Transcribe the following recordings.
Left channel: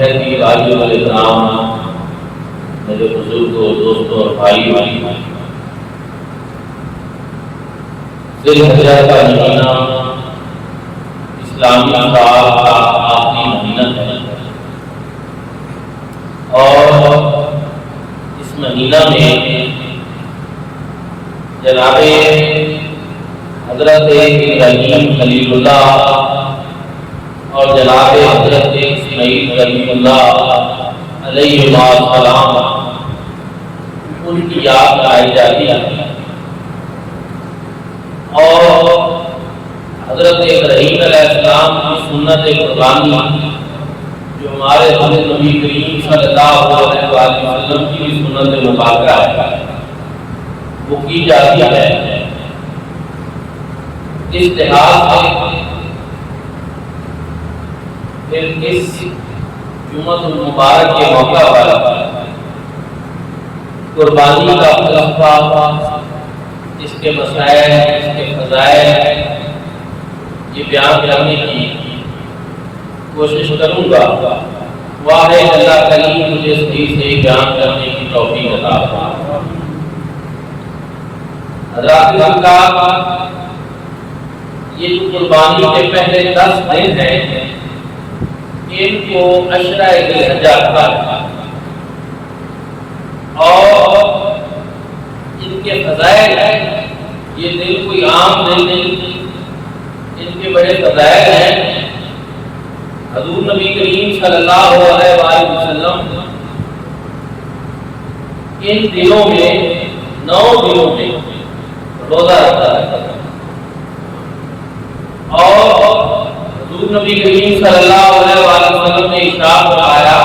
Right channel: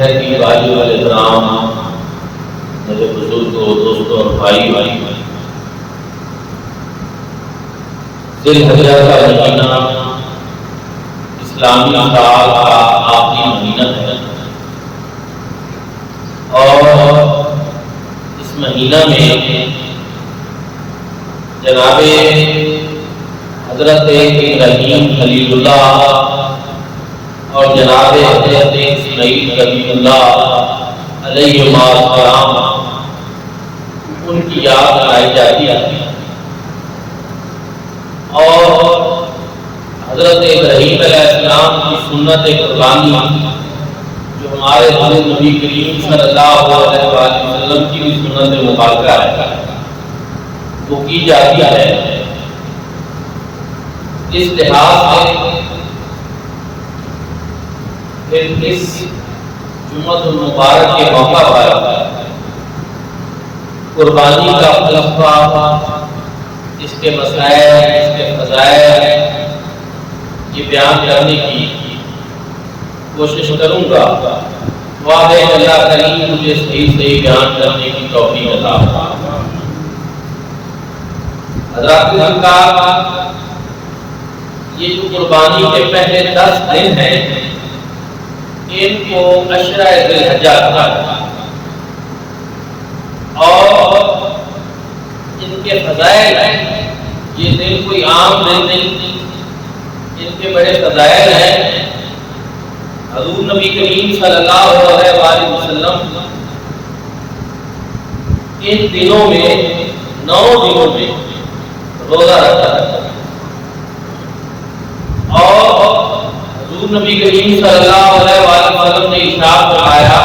محترم بھائیوں اور اکرام، میرے بزرگوں، دوستوں اور بھائی، ذی الحجہ کا مہینہ اسلامی سال کا آخری مہینہ ہے، اور اس مہینہ میں جناب حضرت ابراہیم خلیل اللہ اور جناب حضرت اسماعیل کلیم اللہ علیہ السلام ان کی یاد منائی جاتی ہے، اور حضرت ابراہیم علیہ السلام کی سنت قربانی جو ہمارے حضرت نبی کریم صلی اللہ علیہ وسلم کی بھی سنت مبارکہ ہے، وہ کی جاتی ہے۔ اس لحاظ سے پھر اس جمعۃ المبارک کے موقع پر قربانی کا فلسفہ، اس کے مسائل، اس کے فضائل یہ بیان کرنے کی کوشش کروں گا۔ دعا ہے کہ اللہ کریم مجھے صحیح بیان کرنے کی توفیق عطا فرمائے۔ حضرات کا یہ جو قربانی کے پہلے 10 دن ہیں، ان کو عشرہ ذی الحجہ کہا جاتا ہے، اور ان کے فضائل ہیں۔ یہ دن کوئی عام دن نہیں، ان کے بڑے فضائل ہیں۔ حضور نبی کریم صلی اللہ علیہ وآلہ وسلم ان دنوں میں 9 دنوں میں روزہ رکھا تھا، اور حضور نبی کریم صلی اللہ علیہ وآلہ وسلم نے ارشاد فرمایا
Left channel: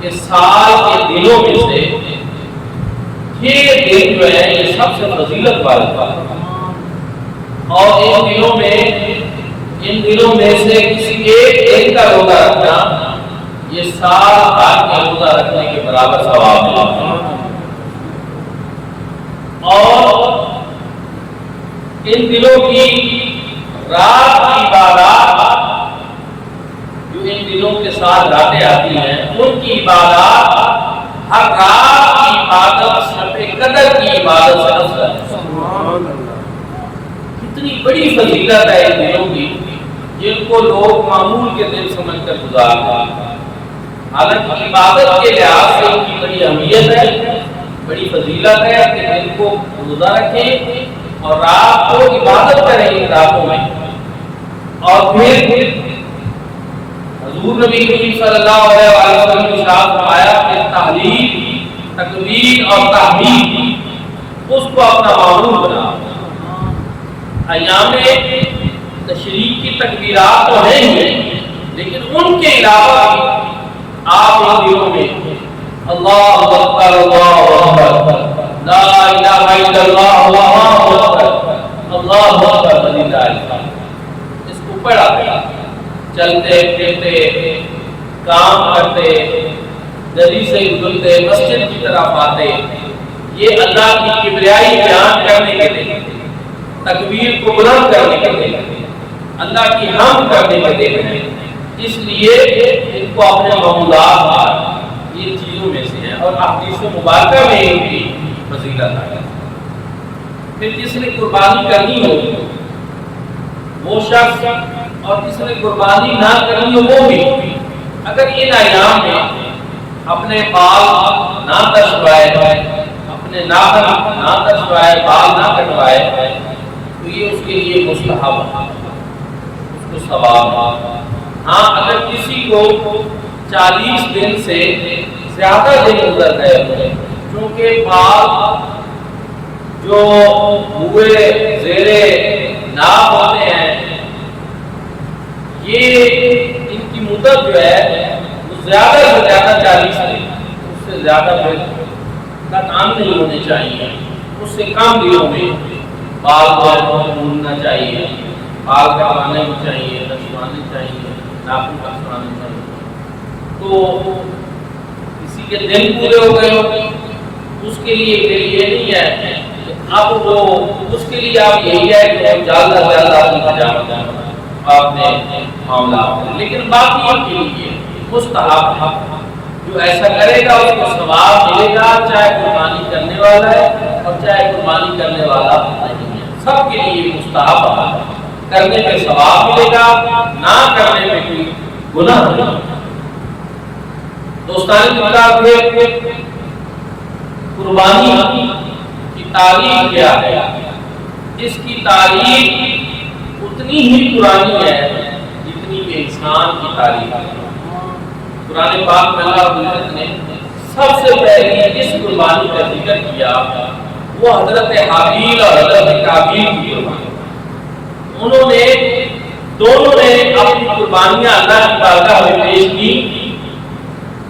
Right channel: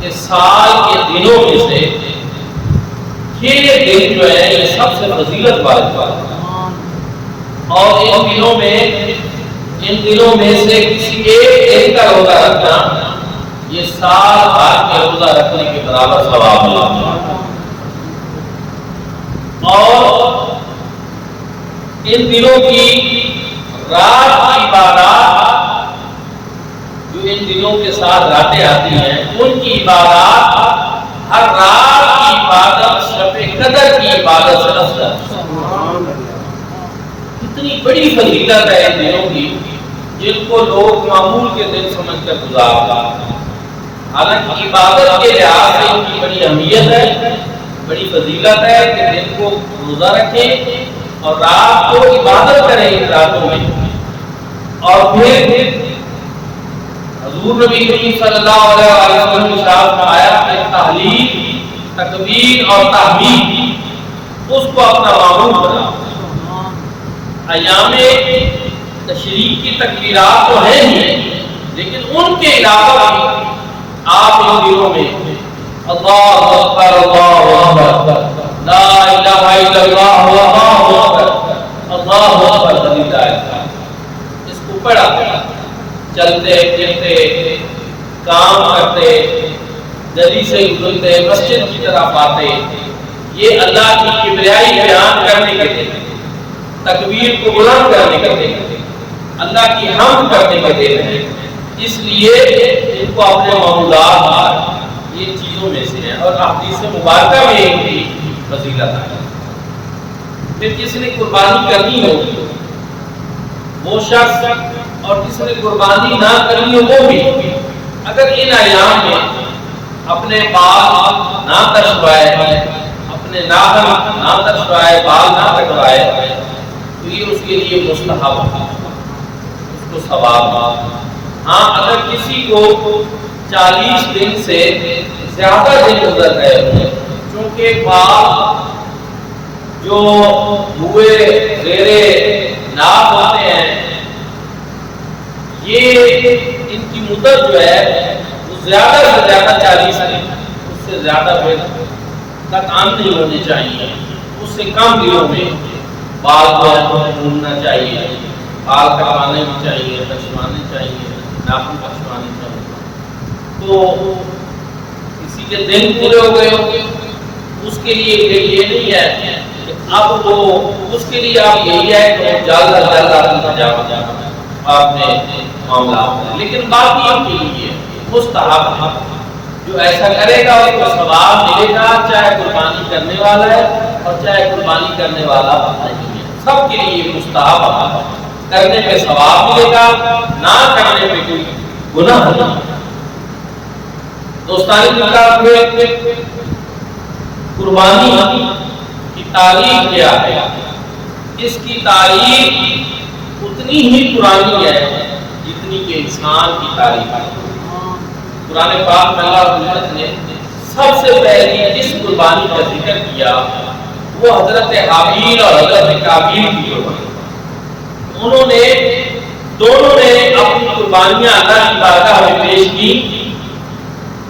کہ سال کے دنوں میں سے یہ دن جو ہے یہ سب سے فضیلت والے تھا، اور ان دنوں میں سے کسی ایک دن کا روزہ رکھنا یہ سال بھر کے روزہ رکھنے کے برابر ثواب ملتا ہے۔ اور ان دنوں کی رات کی عبادات جو ان دنوں کے ساتھ راتیں آتی ہیں، ان کی عبادات ہر رات کی عبادت شب قدر کی عبادت سے افضل ہے۔ کتنی بڑی فضیلت ہے ان دنوں کی، جن کو لوگ معمول کے دن سمجھ کر گزارتے ہیں۔ حالانکہ عبادت کے لحاظ سے ان کی بڑی اہمیت ہے، بڑی فضیلت ہے کہ دن کو روزہ رکھیں اور رات کو عبادت کریں ان راتوں میں۔ اور پھر حضور نبی کریم صلی اللہ علیہ وسلم نے ارشاد فرمایا کہ تحلیل، تکبیر اور تحمید اس کو اپنا معمول بنا۔ ایام تشریق کی تکبیرات تو ہیں ہی، لیکن ان کے علاوہ بھی آپ ان دنوں میں اللہ اکبر اللہ اکبر، لا الہ الا اللہ اللہ اکبر، اللہ اکبر وللہ الحمد، اس کو پڑھا کریں۔ چلتے پھرتے، کام کرتے، گلی سے گزرتے، مسجد کی طرف آتے، یہ اللہ کی کبریائی بیان کرنے کے دن، تکبیر کو بلند کرنے کے دن، اللہ کی حمد کرنے کے دن ہے۔ اس لیے ان کو اپنے معمولات یہ چیزوں میں سے ہیں، اور احادیث مبارکہ میں ایک بھی فضیلت ہے۔ پھر جس نے قربانی کرنی ہوگی وہ شخص، اور جس نے قربانی نہ کرنی ہو وہ بھی، اگر ان ایام میں اپنے بال نہ ترشوائے، اپنے ناخن نہ ترشوائے، بال نہ کٹوائے، تو یہ اس کے لیے مستحب ہے، اس کو ثواب ہے۔ ہاں اگر کسی کو 40 دن سے زیادہ دن گزر گئے ہوں، چونکہ بال جو ہوئے زیرے ناف ہوتے ہیں، یہ ان کی مدت جو ہے وہ زیادہ سے زیادہ 40 دن، اس سے زیادہ پھر کام نہیں ہونے چاہیے۔ اس سے کم دنوں میں بال کو ڈھونڈنا چاہیے، بال کٹوانے بھی چاہیے، ترشوانے چاہیے، ناخن ترشوانے چاہیے۔ تو کسی کے دن پورے ہو گئے ہو، اس کے لیے پھر یہ نہیں ہے کہ اب وہ، اس کے لیے آپ یہی ہے کہ جلد از جلد اپنی حجامت آپ نے معاملات کریں، لیکن باقیوں کے لیے مستحب ہے، جو ایسا کرے گا اس کو ثواب ملے گا، چاہے قربانی کرنے والا ہے اور چاہے قربانی کرنے والا نہیں ہے، سب کے لیے یہ مستحب عمل ہے، کرنے پہ ثواب ملے گا، نہ کرنے پہ کوئی گناہ نہیں ہے۔ دوستان پھر قربانی کی تعریف کیا ہے؟ اس کی تعریف اتنی ہی پرانی ہے جتنی کہ انسان کی تعریف ہے۔ قرآن پاک میں اللہ رب العزت نے سب سے پہلی جس قربانی کا ذکر کیا وہ حضرت حابیل اور حضرت قابیل کی قربانی۔ دونوں نے اپنی قربانیاں اللہ کی بارگاہ میں پیش کی،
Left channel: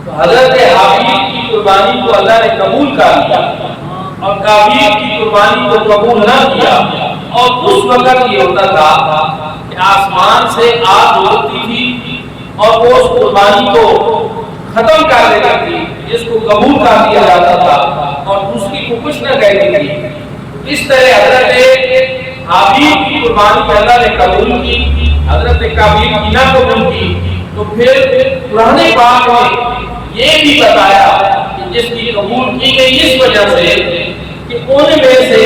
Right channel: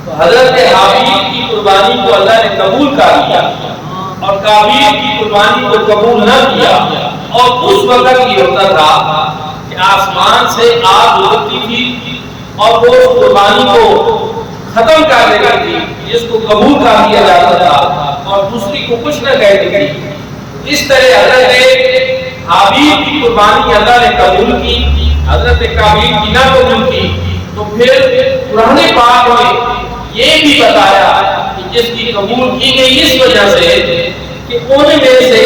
تو حضرت حابیل کی قربانی کو اللہ نے قبول کر لیا اور قابیل کی قربانی کو قبول نہ کیا۔ اور اس وقت یہ ہوتا تھا کہ آسمان سے آگ اترتی تھی اور وہ اس قربانی کو ختم کر دیتی تھی، جس کو قبول کر دیا جاتا تھا اور دوسری کو کچھ نہ کہتی تھی۔ اس طرح حضرت حابیل کی قربانی اللہ نے قبول کی، حضرت قابیل کی نہ قبول کی۔ تو پھر قرآن پاک میں یہ بھی بتایا کہ جس کی قبول کی گئی اس وجہ سے کہ ان میں سے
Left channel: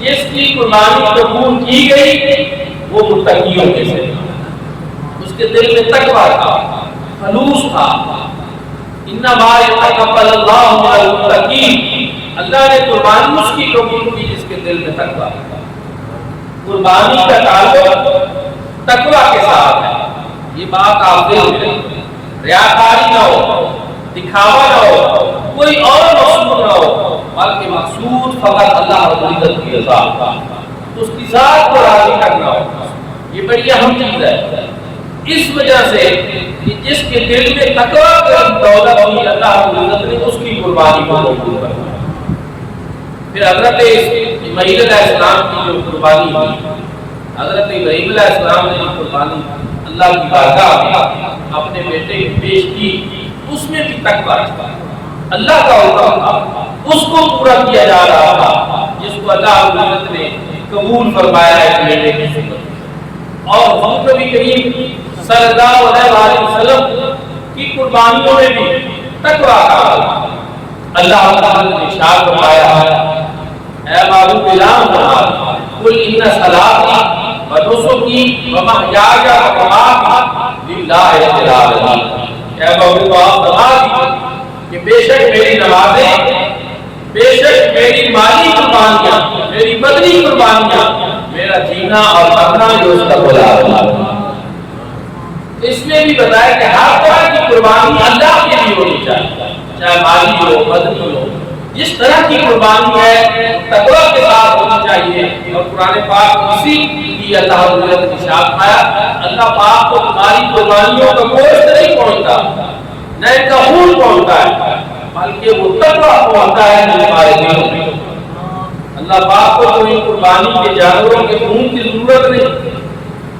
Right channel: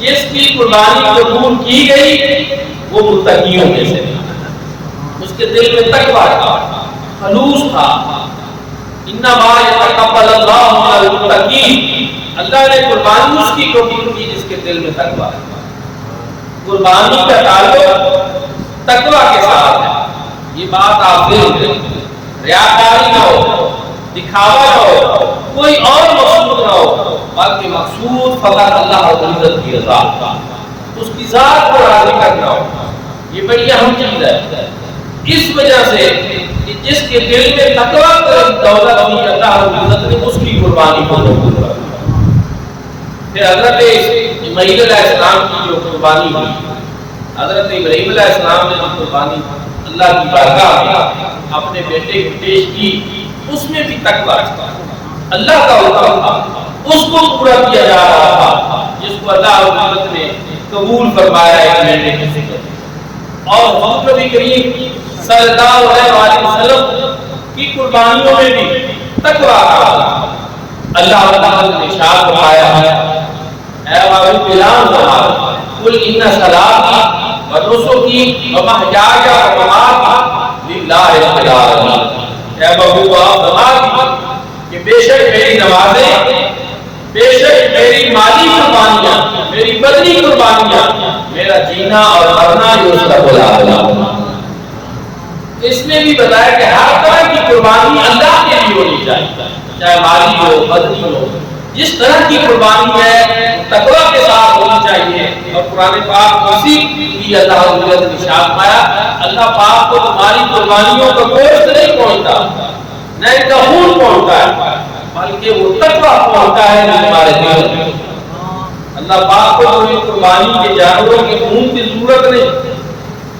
جس کی قربانی قبول کی گئی وہ متقیوں میں سے تھا، اس کے دل میں تقویٰ تھا، خلوص تھا۔ انما یتقبل اللہ من المتقین، اللہ نے قربانی اس کی قبول کی جس کے دل میں تقویٰ تھا۔ قربانی کا تعلق تقویٰ کے ساتھ ہے، یہ بات آپ ذہن میں رکھیں۔ ریاکاری نہ ہو، دکھاوا نہ ہو، کوئی اور مقصود نہ ہو، بلکہ مقصود فقط اللہ رب العزت کی رضا، اس کی ذات کو راضی کرنا ہو۔ یہ بڑی اہم چیز ہے۔ اس وجہ سے کہ جس کے دل میں تقویٰ کی دولت ہوئی، اللہ رب العزت نے اس کی قربانی کو قبول کر لیا۔ پھر حضرت اسماعیل علیہ السلام کی جو قربانی ہوئی، حضرت ابراہیم علیہ السلام نے جو قربانی اللہ کی بارگاہ میں اپنے بیٹے کی پیش کی، اس میں بھی تقویٰ تھا، اللہ کا حکم تھا، اس کو پورا کیا جا رہا تھا، جس کو اللہ رب العزت نے قبول فرمایا ہے بیٹے کی شکل۔ اور حضور نبی کریم صلی اللہ علیہ وسلم کی قربانیوں میں بھی تقویٰ کا عمل تھا۔ اللہ رب العزت نے ارشاد فرمایا ہے، اے معبود غلام فرمایا، قل ان صلاتی و نسکی و محیای و مماتی للہ رب العالمین۔ اے محبوب آپ فرما دیجیے کہ بے شک میری نمازیں، بے شک میری مالی قربانیاں، میری بدنی قربانیاں، میرا جینا اور مرنا یہ اس کا بلا۔ اس میں بھی بتایا کہ ہر طرح کی قربانی اللہ کے لیے ہونی چاہیے، چاہے مالی ہو، بدنی ہو، جس طرح کی قربانی ہے تقویٰ کے ساتھ ہونی چاہیے۔ اور قرآن پاک اسی کی اللہ رب العزت نے ارشاد فرمایا، اللہ پاک کو تمہاری قربانیوں کا گوشت نہیں پہنچتا، نہ ان کا خون پہنچتا ہے، بلکہ وہ تقویٰ پہنچتا ہے جو تمہارے دل میں۔ اللہ پاک کو تو ان قربانی کے جانوروں کے خون کی ضرورت نہیں،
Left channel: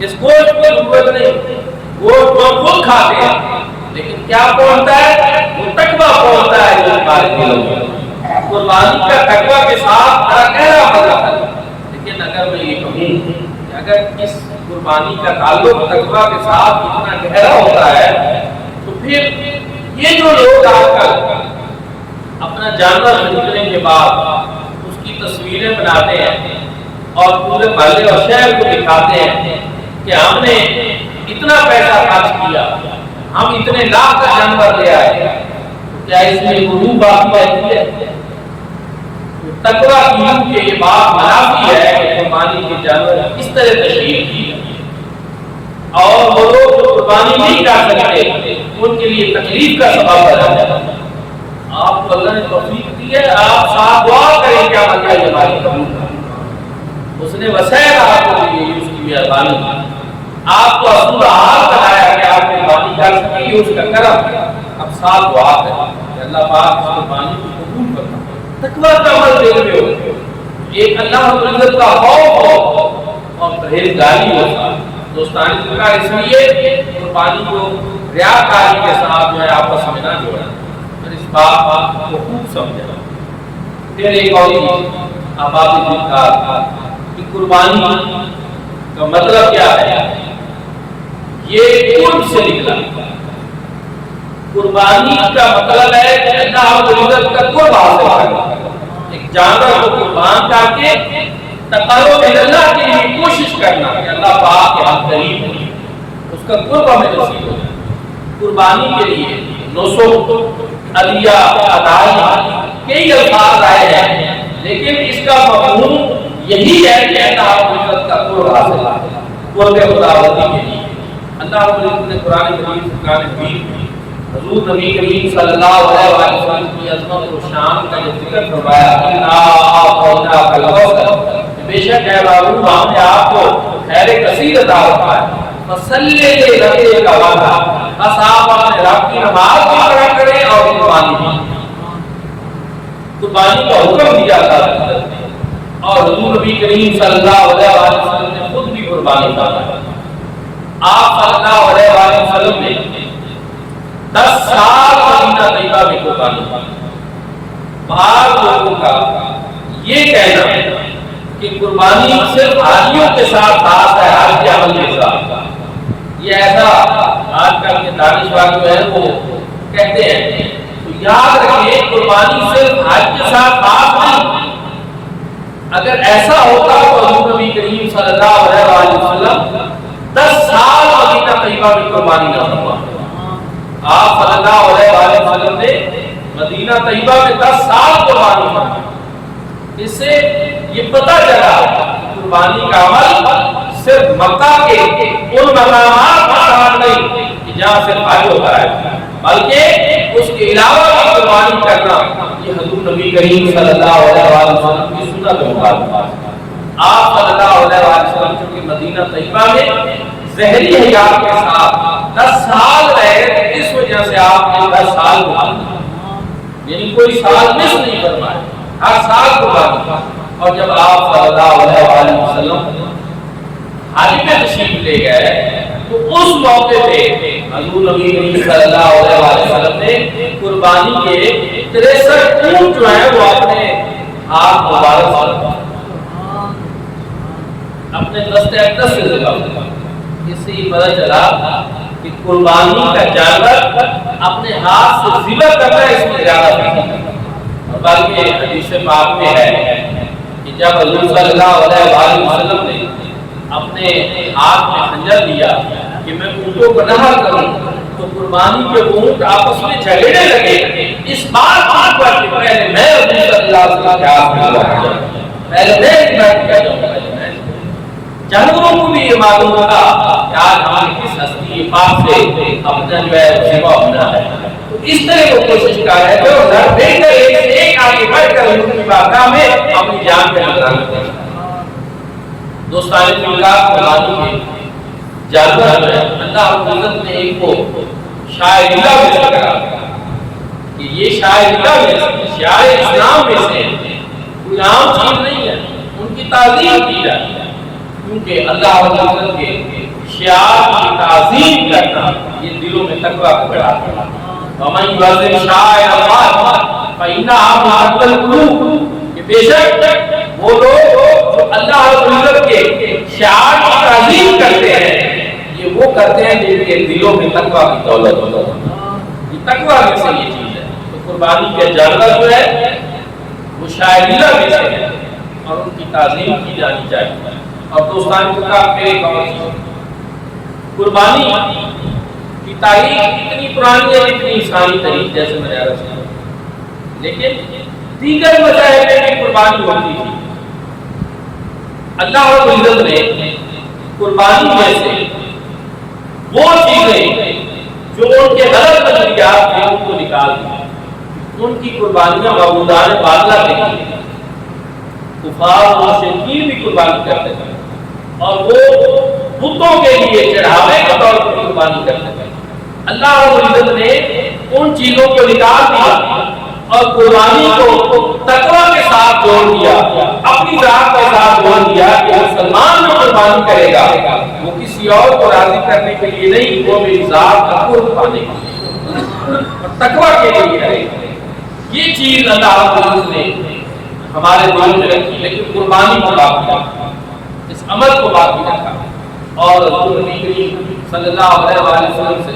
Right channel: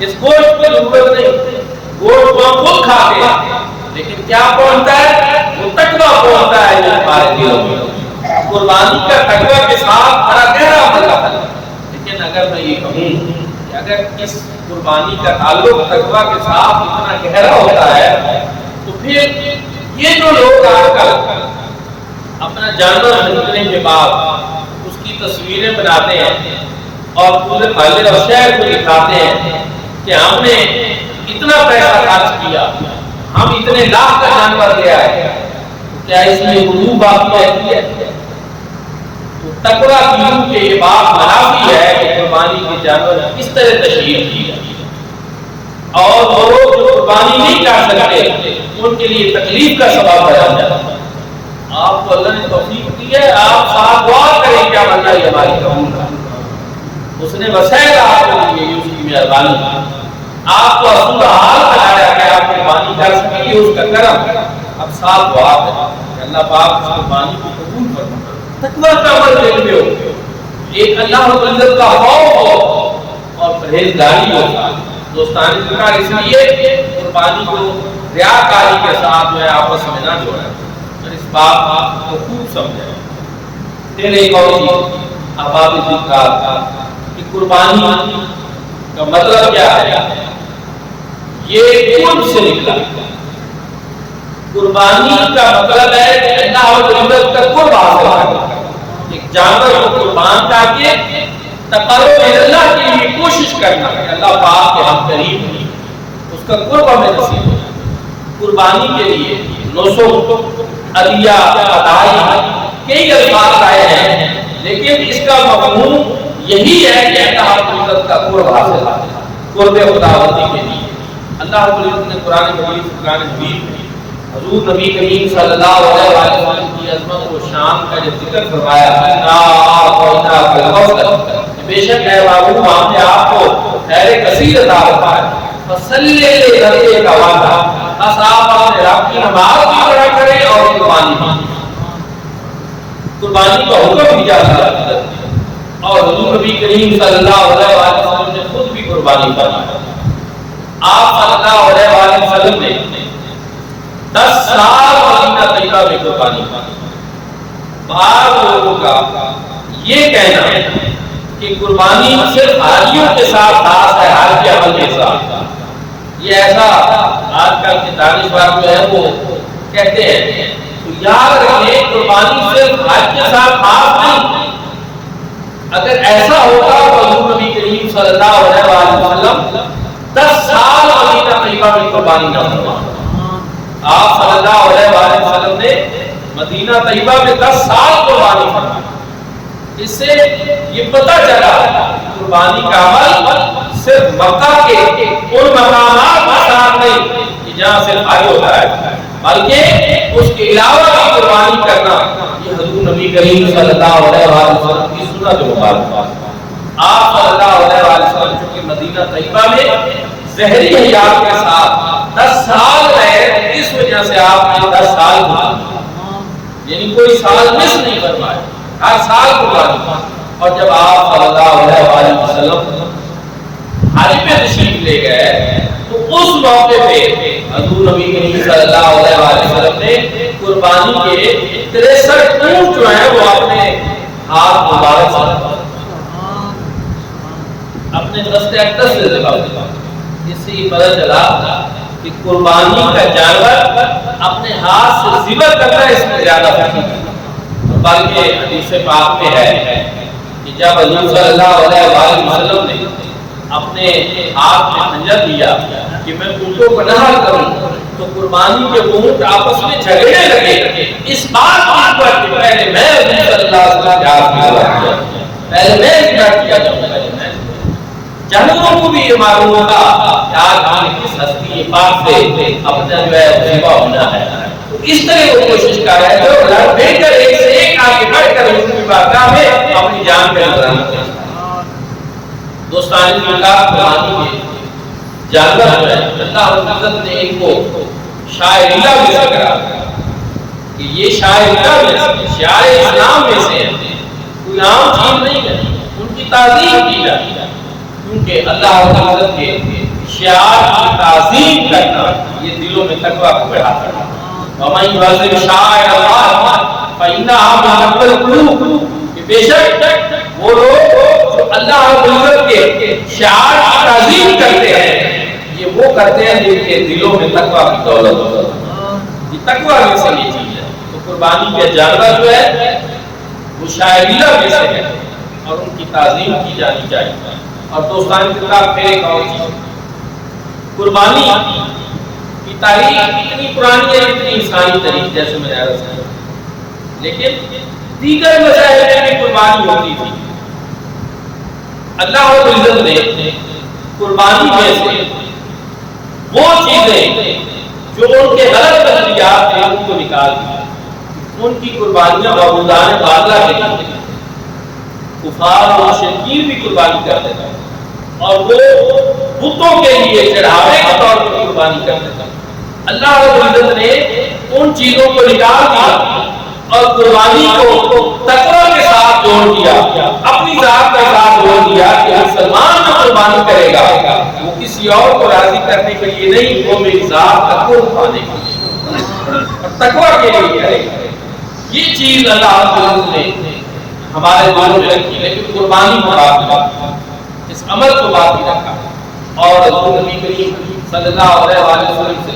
اس گوشت کی ضرورت نہیں، گوشت وہ خود کھاتے ہیں، لیکن کیا پہنچتا ہے؟ وہ تقویٰ پہنچتا ہے جو تمہارے دلوں میں۔ قربانی کا تقویٰ کے ساتھ بڑا گہرا مطلب ہے، لیکن اگر میں یہ کہوں کہ اگر اس قربانی کا تعلق تقویٰ کے ساتھ اتنا گہرا ہوتا ہے تو پھر یہ جو لوگ آج کل اپنا جانور خریدنے کے بعد اس کی تصویریں بناتے ہیں اور پورے محلے اور شہر کو دکھاتے ہیں کہ ہم نے اتنا پیسہ خرچ کیا، ہم اتنے لاکھ کا جانور لے آئے، تو کیا اس میں روح باقی رہتی ہے؟ تو تقویٰ کی روح کے یہ بات منافی ہے کہ قربانی کے جانور کس طرح تشہیر کی ہے، اور وہ لوگ جو قربانی نہیں کر سکتے ان کے لیے تکلیف کا سبب بن جاتا ہے۔ آپ کو اللہ نے توفیق دی ہے، آپ ساتھ دعا کریں کہ آپ اللہ یہ ہماری قبول کریں۔ اس نے وسائل آپ کو دی ہے، اس کی مہربانی، آپ کو اصول حال بنایا کہ آپ قربانی کر سکیں، یہ اس کا کرم ہے۔ اب ساتھ دعا کریں کہ اللہ پاک اس قربانی کو قبول فرمائے۔ تقویٰ کا عمل دیکھ لو، ایک اللہ رب العزت کا خوف ہو اور پرہیزگاری ہو۔ دوستان ذکر اس لیے قربانی کو ریاکاری کے ساتھ جو ہے آپس میں نہ جوڑا، اور اس بات کو خوب سمجھا۔ پھر ایک اور چیز آپ ذکر کہ قربانی کا مطلب کیا ہے؟ یہ قرب سے نکلا، قربانی کا مطلب ہے کہ اللہ رب العزت کا قرب حاصل کرنا، ایک جانور کو قربان کر کے تقرب اللہ کے لیے کوشش کرنا کہ اللہ پاک کے ہم قریب ہوں، اس کا قرب ہمیں نصیب ہو جائے۔ قربانی کے لیے نسک، عدیہ، ادائی کئی الفاظ آئے ہیں، لیکن اس کا مفہوم یہی ہے کہ اللہ رب العزت کا قرب حاصل ہے، قرب خداوندی کے لیے۔ اللہ رب العزت نے قرآن مجید، قرآن حکیم میں حضور نبی کریم صلی اللہ علیہ وسلم کی عظمت و شان کا جو ذکر فرمایا، کہ بے شک اے محبوب ہم نے آپ کو خیر کثیر عطا فرمایا، فصلی لربک وانحر، بس آپ اپنے رب کی نماز بھی پڑھا کریں اور قربانی بھی۔ قربانی کا حکم دیا تھا اور حضور نبی کریم صلی اللہ علیہ وسلم نے خود بھی قربانی فرمائی۔ آپ صلی اللہ علیہ وسلم نے 10 سال مدینہ طیبہ میں قربانی کی۔ بعض لوگوں کا یہ کہنا ہے کہ قربانی صرف حاجیوں کے ساتھ خاص ہے، حج کے عمل کے ساتھ۔ یہ ایسا آج کل کے دانشور جو ہے وہ کہتے ہیں، تو یاد رکھیں قربانی صرف حج کے ساتھ خاص نہیں۔ اگر ایسا ہوتا تو حضور نبی کریم صلی اللہ علیہ وسلم 10 سال مدینہ طیبہ میں قربانی نہ فرما۔ آپ صلی اللہ علیہ وسلم نے مدینہ طیبہ میں 10 سال قربانی فرمائی۔ اس سے یہ پتہ چلا قربانی کا عمل صرف مکہ کے ان مقامات کے ساتھ نہیں کہ جہاں صرف حج ہوتا ہے، بلکہ اس کے علاوہ بھی قربانی کرنا یہ حضور نبی کریم صلی اللہ علیہ وسلم کی سنت مبارک ہے۔ آپ صلی اللہ علیہ وسلم چونکہ مدینہ طیبہ میں ظہری حیات کے ساتھ 10 سال رہے، اس وجہ سے آپ نے 10 سال قربانی، یعنی کوئی سال مس نہیں فرمائے، ہر سال قربانی۔ اور جب آپ صلی اللہ علیہ وسلم حج پہ تشریف لے گئے تو اس موقع پہ حضور نبی کریم صلی اللہ علیہ وسلم نے قربانی کے 63 اونٹ جو ہیں وہ اپنے ہاتھ مبارک سے اپنے دستے اقدس سے ذبح کیا۔ اس سے یہ پتہ چلا کہ قربانی کا جانور اپنے ہاتھ سے ذبح کرنا اس میں زیادہ فضیلت ہے۔ اور بلکہ حدیث پاک میں ہے کہ جب حضور صلی اللہ علیہ وسلم نے اپنے ہاتھ میں خنجر لیا کہ میں اونٹوں کو نہر کروں تو قربانی کے اونٹ آپس میں جھگڑنے لگے اس بات پر کہ پہلے میں حضور صلی اللہ علیہ وسلم کے ہاتھ میں ذبح کیا، پہلے میں ذبح کیا جاؤں، پہلے میں۔ جانوروں کو بھی یہ معلوم ہوگا کہ آج ہم نے کس ہستی پاک سے اپنا جو ہے ذبح ہونا ہے، تو اس طرح وہ کوشش کر رہے تھے اور لڑ بھڑ کر ایک سے ایک آگے بڑھ کر حضور کی بارگاہ میں اپنی جان کا نذرانہ پیش کرا۔ دوستان قربانی کے جانور جو ہے اللہ رب العزت نے ایک کو شاعر اللہ میں سے کرا کہ یہ شاعر اللہ میں سے، شاعر اسلام میں سے ہے، کوئی عام چیز نہیں ہے، ان کی تعظیم کی جاتی ہے، کیونکہ اللہ رب العزت کے شعار کی تعظیم کرنا یہ دلوں میں تقویٰ کو بڑھاتا ہے۔ وَمَن يُعَظِّمْ شَعَائِرَ اللَّهِ فَإِنَّهَا مِنْ تَقْوَى الْقُلُوبِ، کہ بے شک وہ لوگ جو اللہ رب العزت کے شعار کی تعظیم کرتے ہیں یہ وہ کرتے ہیں جن کے دلوں میں تقویٰ کی دولت ہے، یہ تقویٰ میں سے یہ چیز ہے۔ تو قربانی کے جانور جو ہے وہ شاعر اللہ میں سے ہے اور ان کی تعظیم کی جانی چاہیے۔ اور دوستان کتاب پھر ایک اور چیز، قربانی کی تاریخ اتنی پرانی ہے جتنی عیسائی تاریخ، جیسے میں نے عرض کیا، لیکن دیگر مسائل میں بھی قربانی ہوتی تھی۔ اللہ رب العزت نے قربانی میں سے وہ چیزیں جو ان کے غلط نظریات تھے ان کو نکال دیا۔ ان کی قربانیاں معبودان باطلہ کے لیے، کفار اور مشرکین بھی قربانی کرتے تھے اور وہ بتوں کے لیے چڑھاوے کے طور پر قربانی کرتے تھے۔ اللہ رب العزت نے ان چیزوں کو نکال دیا اور قربانی کو تقویٰ کے ساتھ جوڑ دیا، اپنی ذات کے ساتھ جوڑ دیا کہ مسلمان جو قربانی کرے گا وہ کسی اور کو راضی کرنے کے لیے نہیں، وہ میری ذات کا قرب پانے کے لیے اور تقویٰ کے لیے کرے گا۔ یہ چیز اللہ رب العزت نے ہمارے دلوں میں رکھی، لیکن قربانی کو باقی رکھا، اس عمل کو باقی رکھا۔ اور حضور نبی کریم صلی اللہ علیہ وسلم سے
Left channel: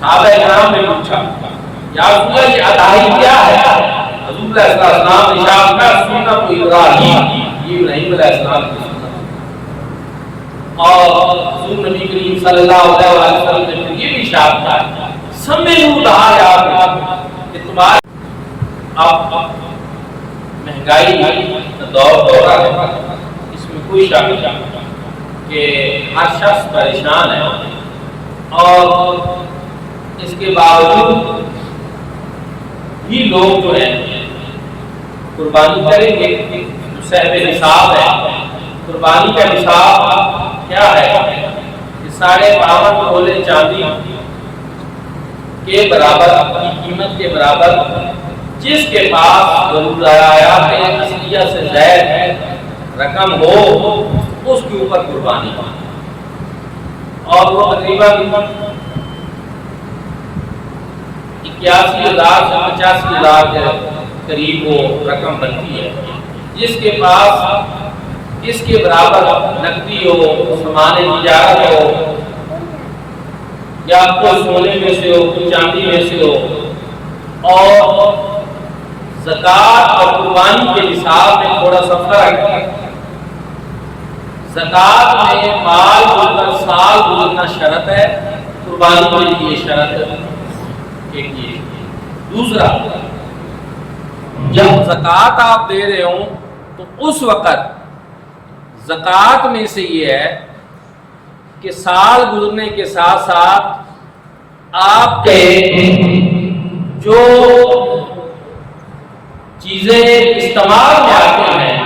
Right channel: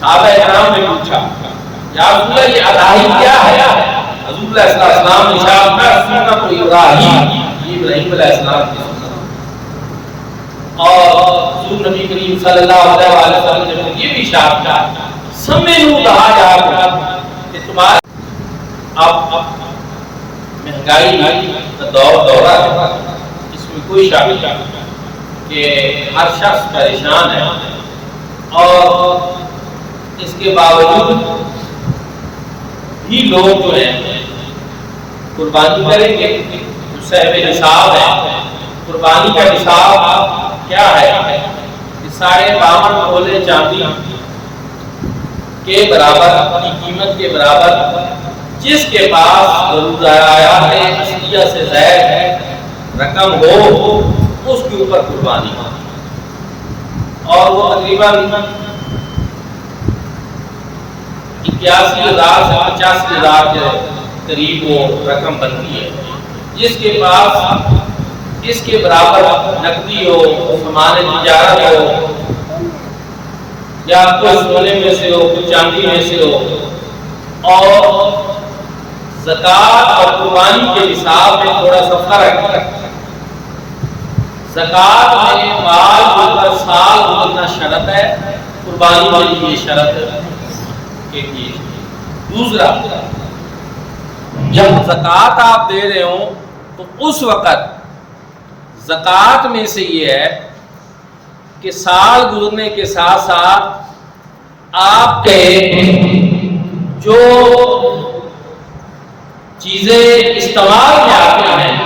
صحابہ اکرام نے پوچھا یا رسول اللہ یہ اضحی کیا ہے؟ حضور علیہ السلام نے ارشاد فرمایا سنت ابراہیم، یہ ابراہیم علیہ السلام کی سنت ہے۔ اور حضور نبی کریم صلی اللہ علیہ وسلم نے یہ بھی ارشاد کیا سمعوا دعاء کہ تمہارے اب مہنگائی کا دور ہے، اس میں کوئی شک نہیں کہ ہر شخص پریشان ہے، اور اس کے باوجود بھی لوگ جو ہیں قربانی کریں گے۔ جو صاحب نصاب ہے، قربانی کا نصاب کیا ہے کہ 52.5 تولے چاندی کے برابر کی قیمت کے برابر جس کے پاس ضروریات اصلیہ سے زائد رقم ہو اس کے اوپر قربانی، اور وہ تقریباً 81,000 سے 85,000 کے قریب وہ رقم بنتی ہے۔ جس کے پاس اس کے برابر نقدی ہو، سامان تجارت ہو، یا کوئی سونے میں سے ہو، کوئی چاندی میں سے ہو، اور زکوٰۃ اور قربانی کے نصاب میں تھوڑا سا فرق ہے۔ زکوٰۃ میں مال گزر سال گزرنا شرط ہے، قربانی میں یہ شرط ایک یہ۔ دوسرا، جب زکوٰۃ آپ دے رہے ہوں تو اس وقت زکوٰۃ میں سے یہ ہے کہ سال گزرنے کے ساتھ ساتھ آپ کے جو چیزیں استعمال میں آتی ہیں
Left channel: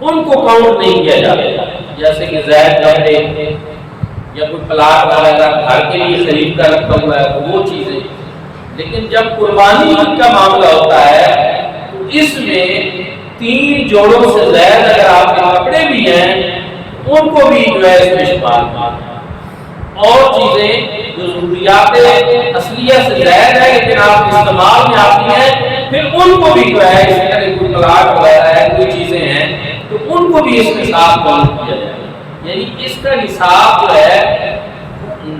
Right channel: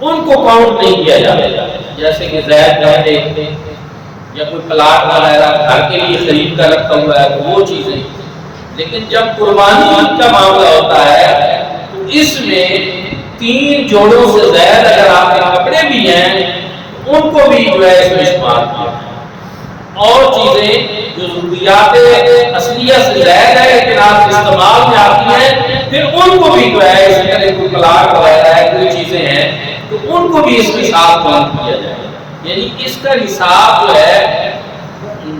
ان کو کاؤنٹ نہیں کیا جاتا، جیسے کہ زائد کپڑے یا کوئی پلاٹ وغیرہ گھر کے لیے خرید کر رکھا ہوا ہے تو وہ چیزیں۔ لیکن جب قربانی کا معاملہ ہوتا ہے تو اس میں 3 جوڑوں سے زائد اگر آپ کے کپڑے بھی ہیں ان کو بھی جو ہے اس میں شمار کیا ہے، اور چیزیں جو ضروریات اصلیہ سے زائد ہے لیکن آپ کے استعمال میں آتی ہیں پھر ان کو بھی جو ہے اسی طرح کوئی پلاٹ وغیرہ ہے، کوئی چیزیں ہیں تو ان کو بھی اس کے ساتھ کاؤنٹ کیا جائے گا۔ یعنی اس کا نصاب جو ہے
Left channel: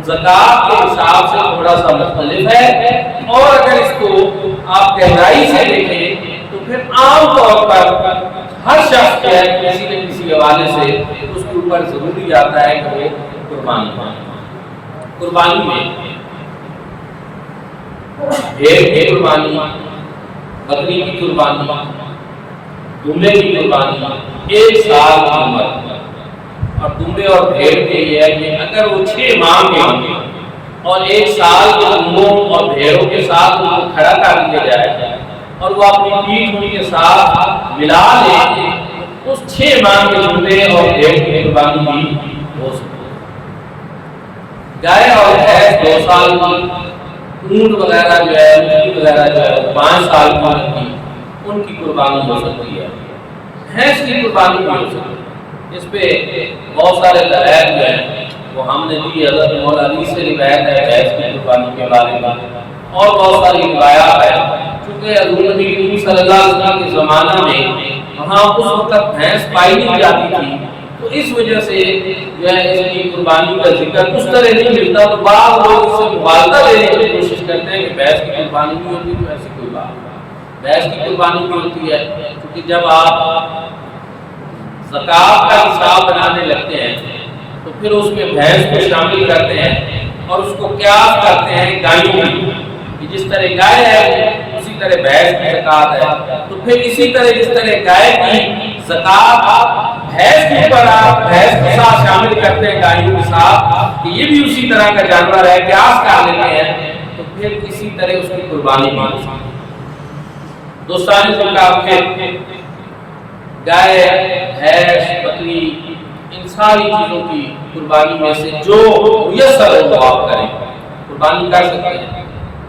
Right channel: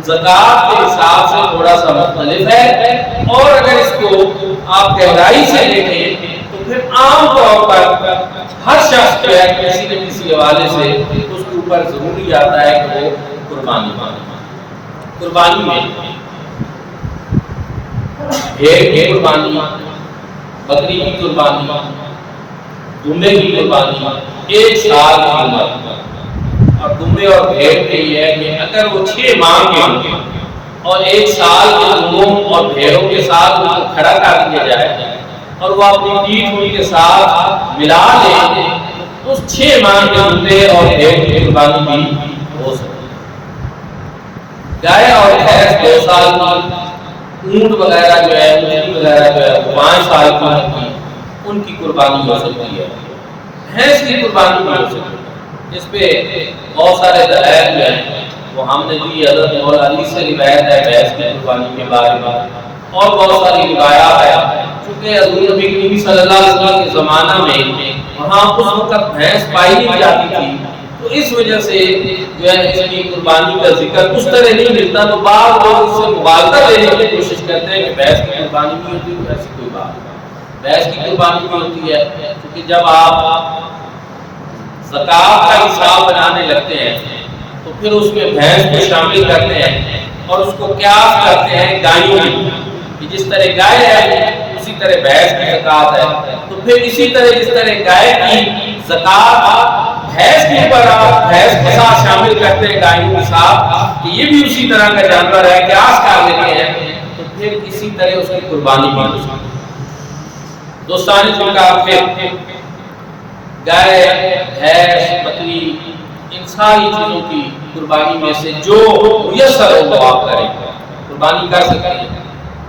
زکوٰۃ کے نصاب سے تھوڑا سا مختلف ہے، اور اگر اس کو آپ گہرائی سے دیکھیں تو پھر عام طور پر ہر شخص جو ہے کسی نہ کسی حوالے سے اس کے اوپر ضروری آتا ہے کہ وہ قربانی کرے۔ قربانی میں بھیڑ کی قربانی، بکری کی قربانی، دمبے کی قربانی 1 سال کی عمر، اور دمبے اور بھیڑ میں یہ ہے کہ اگر وہ 6 ماہ کے ہوں گے اور 1 سال کے دمبوں اور بھیڑوں کے ساتھ ان کو کھڑا کر دیا جائے اور وہ اپنی پیٹھ ان کے ساتھ ملا لیں تو اس 6 ماہ کے دمبے اور بھیڑ کی قربانی بھی ہو سکتی ہے۔ گائے اور بھینس 2 سال کی، اونٹ وغیرہ جو ہے، اونٹنی وغیرہ جو ہے 5 سال کی عمر کی، ان کی قربانی ہو سکتی ہے۔ بھینس کی قربانی بھی ہو سکتی ہے، اس پہ بہت سارے دلائل جو ہیں وہ ہم نے دی۔ حضرت مولا علی سے روایت ہے بھینس کی قربانی کے بارے میں، اور بہت ساری روایات ہیں۔ چونکہ حضور نبی کریم صلی اللہ علیہ وسلم کے زمانہ میں وہاں اس وقت بھینس پائی نہیں جاتی تھی، تو اس وجہ سے جو ہے اس کی قربانی کا ذکر اس طرح نہیں ملتا، تو بعض لوگ اس سے مبالغہ لینے کی کوشش کرتے ہیں کہ بھینس کی قربانی بھی ہوتی ہے، تو ایسی کوئی بات نہیں۔ بھینس کی قربانی بھی ہوتی ہے، کیونکہ جب آپ زکوٰۃ کا حساب بنانے لگتے ہیں تو پھر اس میں بھینس کو شامل کرتے ہیں اور اس کو قیاس کرتے ہیں گائیوں کی، کہ جس طرح گائے ہے اسی طرح بھینس کی زکوٰۃ ہے، تو پھر اسی طرح جس طرح گائے کی زکوٰۃ بھینس کے اوپر آپ بھینس کے ساتھ شامل کرتے ہیں گائیوں کے ساتھ کہ یہ بھی اسی طرح کا جانور ہے، قیاس کر لیتے ہیں، تو پھر اسی طرح اس کی قربانی بھی ہو سکتی ہے۔ دوستانی خلقاء، پھر گائے، بھینس، بکری، ان ساری چیزوں کی قربانی میں سے جو میسر ہو وہ آپ کریں، قربانی کر سکتے ہیں۔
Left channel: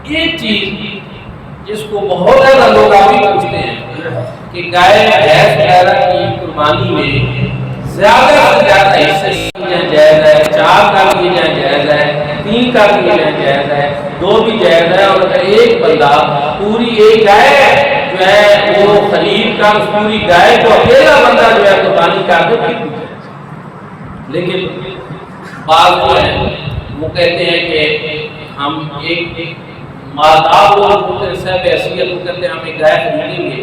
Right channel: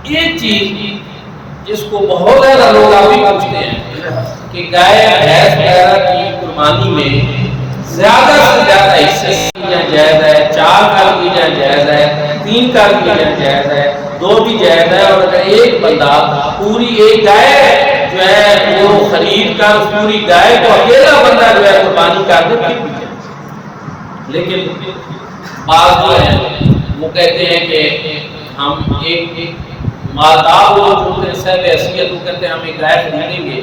ایک چیز جس کو بہت زیادہ لوگ ابھی پوچھتے ہیں کہ گائے، بھینس وغیرہ کی قربانی میں زیادہ سے زیادہ حصے جائز ہے، 4 کر دیے جائیں جائز ہے، 3 کر دیے جائیں جائز ہے، 2 بھی جائز ہے، اور اگر ایک بندہ پوری ایک گائے جو ہے وہ خرید کر اس پوری گائے کو اکیلا بندہ جو ہے قربانی کر دے پھر بھی جائز۔ لیکن بعض جو ہیں وہ کہتے ہیں کہ ہم ایک مالدار لوگ ہوتے ہیں صاحب حیثیت، وہ کہتے ہیں ہم ایک گائے خریدیں گے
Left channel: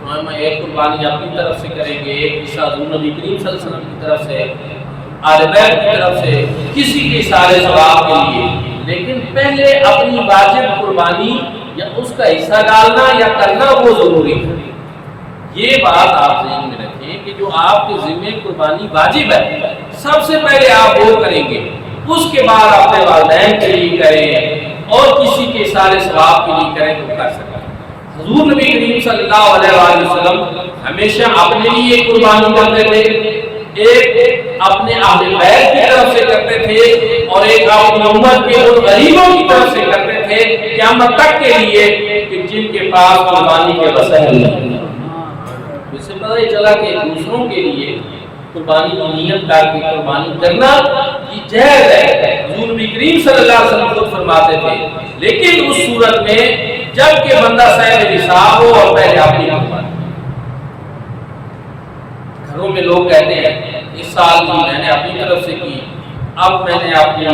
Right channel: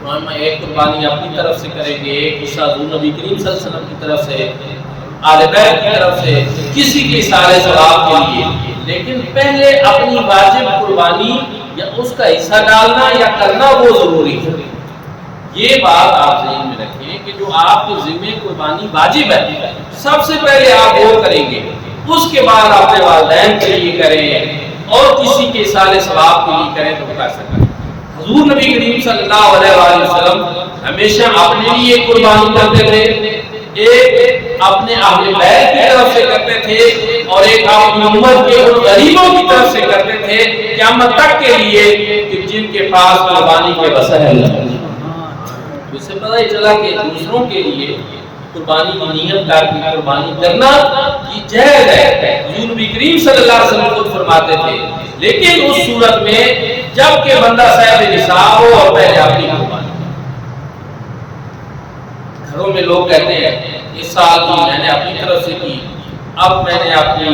تو ہم ایک قربانی اپنی طرف سے کریں گے، ایک حصہ حضور نبی کریم صلی اللہ علیہ وسلم کی طرف سے، آل بیت کی طرف سے، کسی کے سارے ثواب کے لیے۔ لیکن پہلے اپنی واجب قربانی یا اس کا حصہ ڈالنا یا کرنا وہ ضروری ہے۔ یہ بات آپ ذہن میں رکھیں کہ جو آپ کے ذمہ قربانی واجب ہے سب سے پہلے آپ وہ کریں گے، اس کے بعد اپنے والدین کے لیے کریں اور کسی کے سارے ثواب کے لیے کریں تو کر سکیں۔ حضور نبی کریم صلی اللہ علیہ وآلہ وسلم ہمیشہ اپنے لیے قربانی کرتے تھے، ایک اپنے اہل بیت کی طرف سے کرتے تھے اور ایک اپنی امت کے ان غریبوں کی طرف سے کرتے تھے قیامت تک کے لیے کہ جن کے پاس قربانی کے وسائل نہیں۔ تو اس سے پتہ ہی چلا کہ دوسروں کے لیے قربانی کی نیت کر کے قربانی کرنا یہ جائز ہے۔ حضور نبی کریم صلی اللہ علیہ وسلم خود فرماتے تھے، لیکن اس صورت میں جب کہ بندہ صاحب نصاب ہو اور پہلے اپنی قربانی۔ گھروں میں لوگ کہتے ہیں اس سال کی میں نے اپنی طرف سے کی، اب میں نے اپنی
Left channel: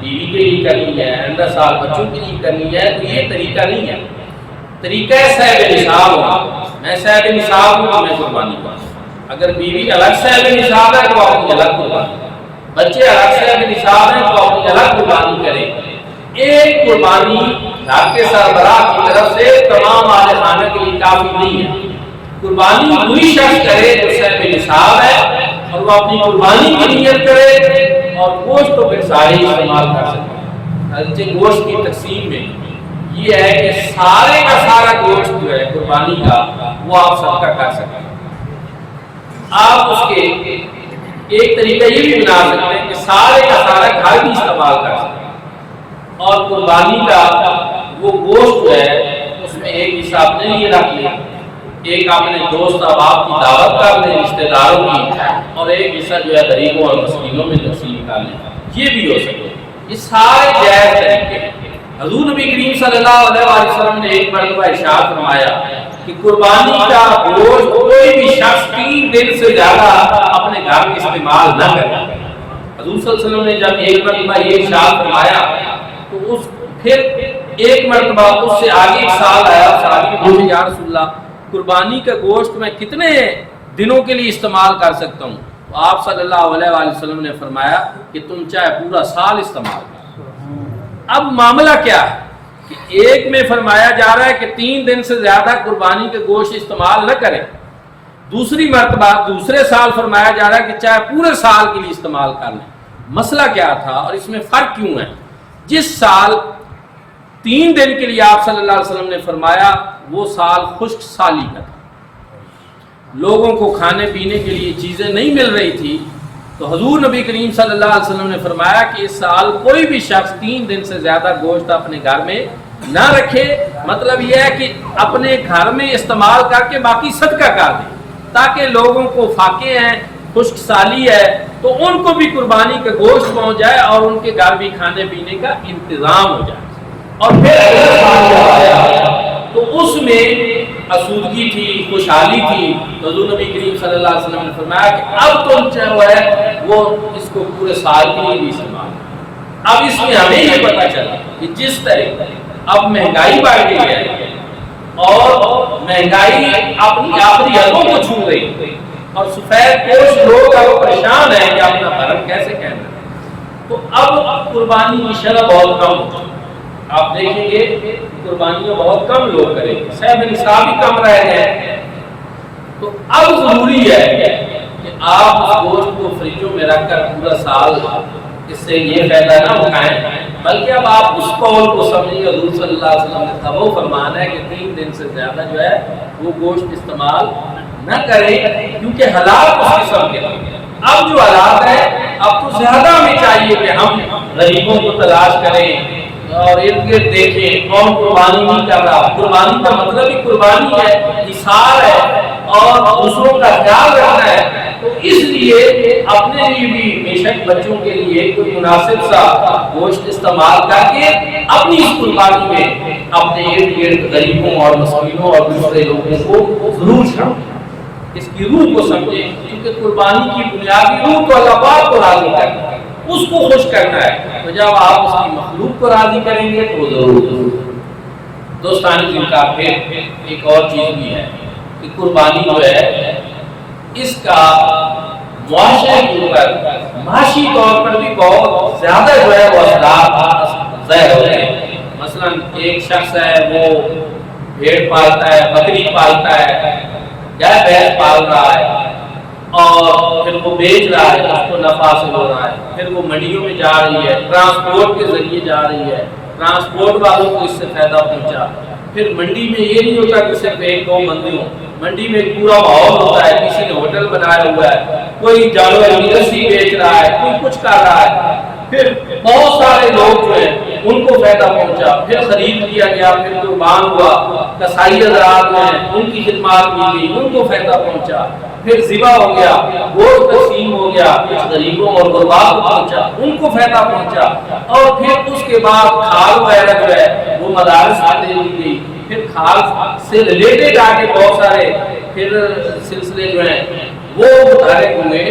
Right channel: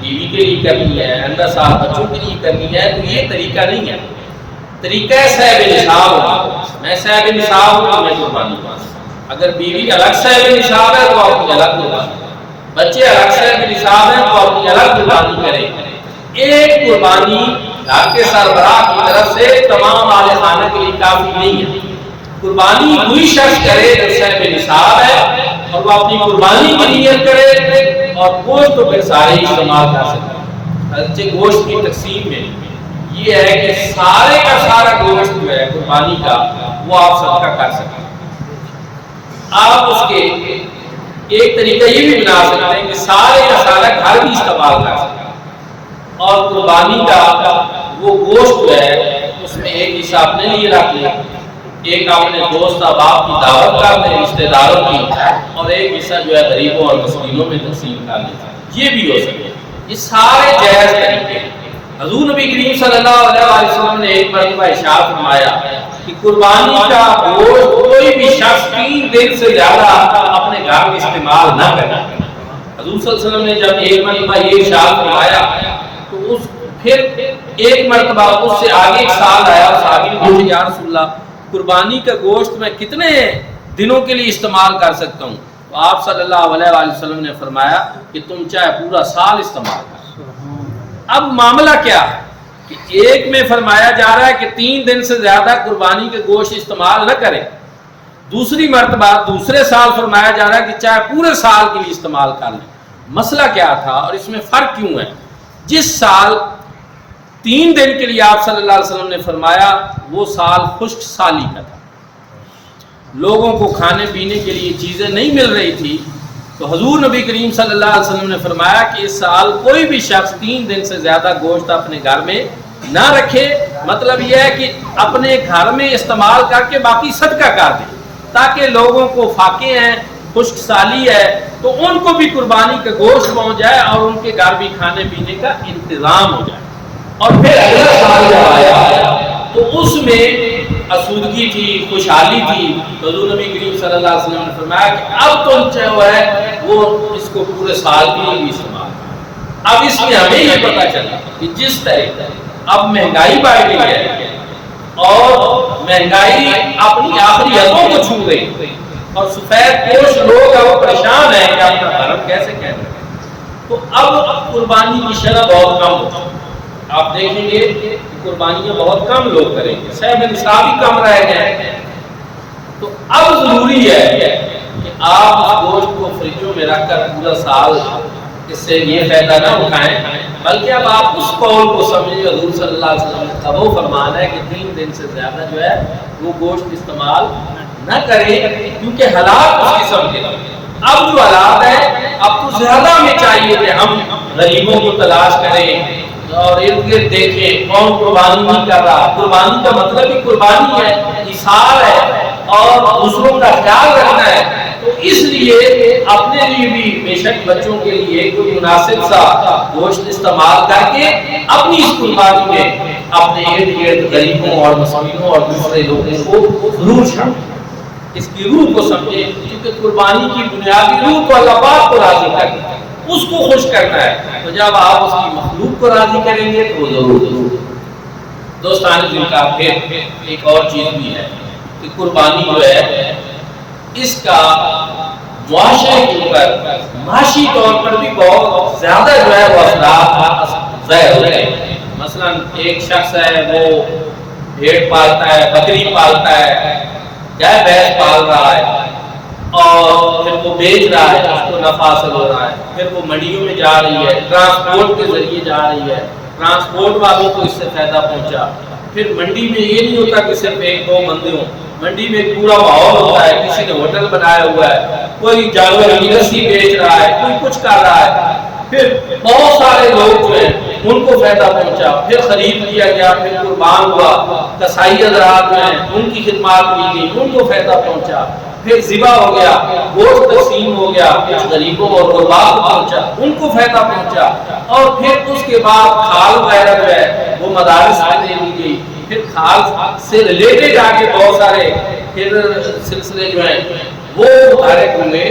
بیوی کے لیے کرنی ہے، آئندہ سال بچوں کے لیے کرنی ہے، تو یہ طریقہ نہیں ہے۔ طریقہ ہے صاحب نصاب ہونا، میں صاحب نصاب ہوں تو میں قربانی کروں۔ اگر بیوی الگ صاحب نصاب ہے تو اپنی الگ قربانی، بچے الگ صاحب نصاب ہیں تو اپنی الگ قربانی کریں۔ ایک قربانی گھر کے سربراہ کی طرف سے تمام اہل خانہ کے لیے کافی نہیں ہے۔ قربانی وہی شخص کرے جو صاحب نصاب ہے اور وہ اپنی قربانی کی نیت کرے، اور گوشت تو پھر سارے ہی استعمال کر سکتے ہیں۔ اگرچہ گوشت کی تقسیم میں یہ ہے کہ سارے کا سارا گوشت جو ہے قربانی کا وہ آپ صدقہ کر سکتے ہیں۔ آپ اس کے ایک طریقہ یہ بھی بنا سکتے ہیں کہ سارے کا سارا گھر بھی استعمال کر سکتے ہیں، اور قربانی کا وہ گوشت جو ہے اس میں ایک حصہ اپنے لیے رکھ لیں، ایک اپنے دوست احباب کی دعوت کر لیں رشتہ داروں کی، اور ایک حصہ جو ہے غریبوں اور مسکینوں میں تقسیم کر لیں۔ یہ بھی ہو سکے، یہ سارے جائز طریقے ہیں۔ حضور نبی کریم صلی اللہ علیہ وسلم نے ایک مرتبہ ارشاد فرمایا کہ قربانی کا گوشت کوئی بھی شخص 3 دن سے زیادہ اپنے گھر میں استعمال نہ کرے۔ حضور صلی اللہ علیہ وسلم نے جب ایک مرتبہ یہ ارشاد فرمایا تو پھر ایک مرتبہ اس سے آگے ایک سال آیا، صحابی نے پوچھا یا رسول اللہ قربانی کا گوشت میں کتنے دنوں کے لیے استعمال کر سکتا ہوں؟ تو آپ صلی اللہ علیہ وآلہ وسلم نے فرمایا کہ تم چاہے پورا سال استعمال کر۔ اب معاملہ کیا ہے کہ ایک میں فرمایا جا رہا ہے کہ 3 دن سے زیادہ قربانی کے گوشت استعمال نہ کریں، دوسری مرتبہ دوسرے سال فرمایا جا رہا ہے کہ چاہے پورے سال کے لیے استعمال کر لیں۔ مسئلہ کیا تھا اور اس میں فرق کیوں ہے؟ جس سال 3 دن کے لیے آپ صلی اللہ علیہ وسلم نے فرمایا وہ سال خشک سالی کا تھا، لوگوں کو کھانے پینے کے لیے چیزیں نہیں مل رہی تھی، تو حضور نبی کریم صلی اللہ علیہ وسلم نے فرمایا کہ اس سال کوئی بھی شخص 3 دن سے زیادہ گوشت اپنے گھر میں نہ رکھے۔ مطلب یہ ہے کہ اپنے گھر میں استعمال کر کے باقی صدقہ کر دیں، تاکہ لوگوں کو فاقے ہیں، خشک سالی ہے تو ان کو بھی قربانی کا گوشت پہنچ جائے اور ان کے گھر بھی کھانے پینے کا انتظام ہو جائے۔ اور پھر اگلا سال جب آیا تو اس میں آسودگی تھی، خوشحالی تھی، حضور نبی کریم صلی اللہ علیہ وسلم نے فرمایا کہ اب تم جو ہے وہ اس کو پورے سال کے لیے بھی استعمال کرو۔ اب اس میں ہمیں یہ پتہ چلا کہ جس طرح اب مہنگائی بڑھ گئی ہے اور مہنگائی اپنی آخری حدوں کو چھو گئی اور سفید پوش لوگ اب پریشان ہیں کہ اپنا بھرم کیسے قائم رکھیں، تو اب قربانی کی شرح بہت کم ہوتی ہے۔ آپ دیکھیں گے کہ قربانیاں بہت کم لوگ کریں گے، صاحب نصاب ہی کم رہے ہیں۔ تو اب ضروری ہے کہ آپ اس گوشت کو فریجوں میں رکھ کر پورا سال اس سے یہ فائدہ نہ اٹھائیں، بلکہ اب آپ اس قول کو سمجھیں حضور صلی اللہ علیہ وسلم کا وہ فرمان ہے کہ 3 دن سے زیادہ جو ہے وہ گوشت استعمال نہ کریں، کیونکہ حالات اس قسم کے تھے۔ اب جو حالات ہیں اب تو زیادہ ہمیں چاہیے کہ ہم غریبوں کو تلاش کریں اور ارد گرد دیکھیں کون قربانی نہیں کر رہا۔ قربانی کا مطلب ہی قربانی ہے، اثار ہے اور دوسروں کا خیال رکھنا ہے، تو اس لیے اپنے لیے بھی بے شک بچوں کے لیے کوئی مناسب سا گوشت استعمال کر کے اپنی اس قربانی میں اپنے ارد گرد غریبوں اور مسکینوں اور دوسرے لوگوں کو ضرور شامل، اس کی روح کو سمجھیں، کیونکہ قربانی کی بنیادی روح تو اللہ پاک کو راضی کرنا ہے۔ اس کو خوش کرنا ہے، تو جب آپ اس کی مخلوق کو راضی کریں گے تو وہ ضرور۔ دوستان جن کا پھر ایک اور چیز بھی ہے کہ قربانی جو ہے اس کا معاشرے کے اوپر معاشی طور پر بھی بہت زیادہ جو ہے وہ اثرات ظاہر ہوتے ہیں۔ مثلا ایک شخص ہے وہ بھیڑ پالتا ہے، بکری پالتا ہے، گائے بھینس پال رہا ہے اور پھر وہ بیچ رہا ہے، اس کو نفع حاصل ہو رہا ہے، پھر وہ منڈیوں میں جا رہی ہے، ٹرانسپورٹ کے ذریعے جا رہی ہے، ٹرانسپورٹ والوں کو اس سے فائدہ پہنچا۔ پھر منڈی میں یہ نہیں ہوتا کہ صرف ایک دو بندے ہوں، منڈی میں ایک پورا ماحول ہوتا ہے، کسی نے ہوٹل بنایا ہوا ہے، کوئی جانور کی رسی بیچ رہا ہے، کوئی کچھ کر رہا ہے، پھر بہت سارے لوگ جو ہیں ان کو فائدہ پہنچا، پھر خرید لیا گیا، پھر قربان ہوا، کسائی حضرات جو ہیں ان کی خدمات لی گئی، ان کو فائدہ پہنچا، پھر ذبح ہو گیا، گوشت تقسیم ہو گیا، کچھ غریبوں اور غرباء کو پہنچا، ان کو فائدہ پہنچا، اور پھر اس کے بعد کھال وغیرہ جو ہے وہ مدارس میں دے دی گئی، پھر کھال سے ریلیٹڈ آگے بہت سارے پھر سلسلے جو ہیں وہ متحرک ہوئے۔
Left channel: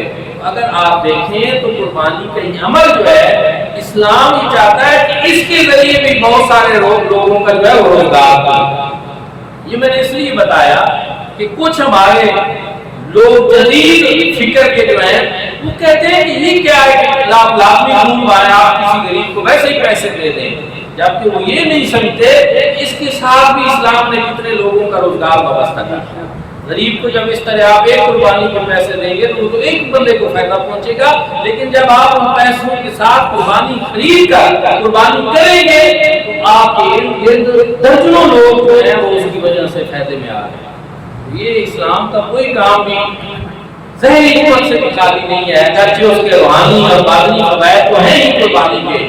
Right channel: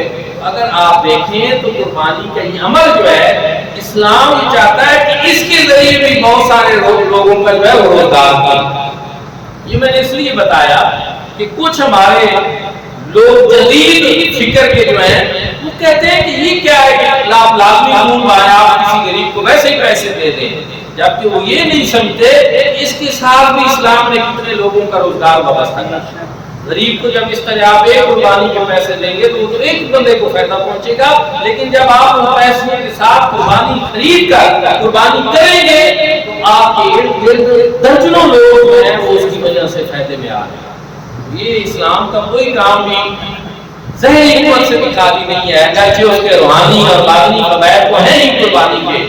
اگر آپ دیکھیں تو قربانی کا یہ عمل جو ہے اسلام یہ چاہتا ہے کہ اس کے ذریعے بھی بہت سارے لوگوں کا جو ہے وہ روزگار ہو۔ یہ میں نے اس لیے بتایا کہ کچھ ہمارے لوگ جدید فکر کے جو ہیں وہ کہتے ہیں کہ یہ کیا ہے کہ لازمی خون بہائے، آپ کسی غریب کو ویسے ہی پیسے دے دیں، جبکہ وہ یہ نہیں سمجھتے کہ اس کے ساتھ بھی اسلام نے کتنے لوگوں کا روزگار وابستہ کیا ہے۔ غریب کو جب اس طرح آپ ایک قربانی کے پیسے دیں گے تو وہ تو ایک بندے کو فائدہ پہنچے گا، لیکن جب آپ ان پیسوں کے ساتھ قربانی خرید کر قربانی کریں گے تو آپ کے ارد گرد درجنوں لوگ جو ہیں وہ اس کی وجہ سے فائدے میں آ رہے ہیں۔ یہ اسلام کا کوئی کام بھی ظاہری قوت سے بھی خالی نہیں ہے، اگرچہ اس کے روحانی اور باطنی فوائد تو ہیں ہی قربانی کے۔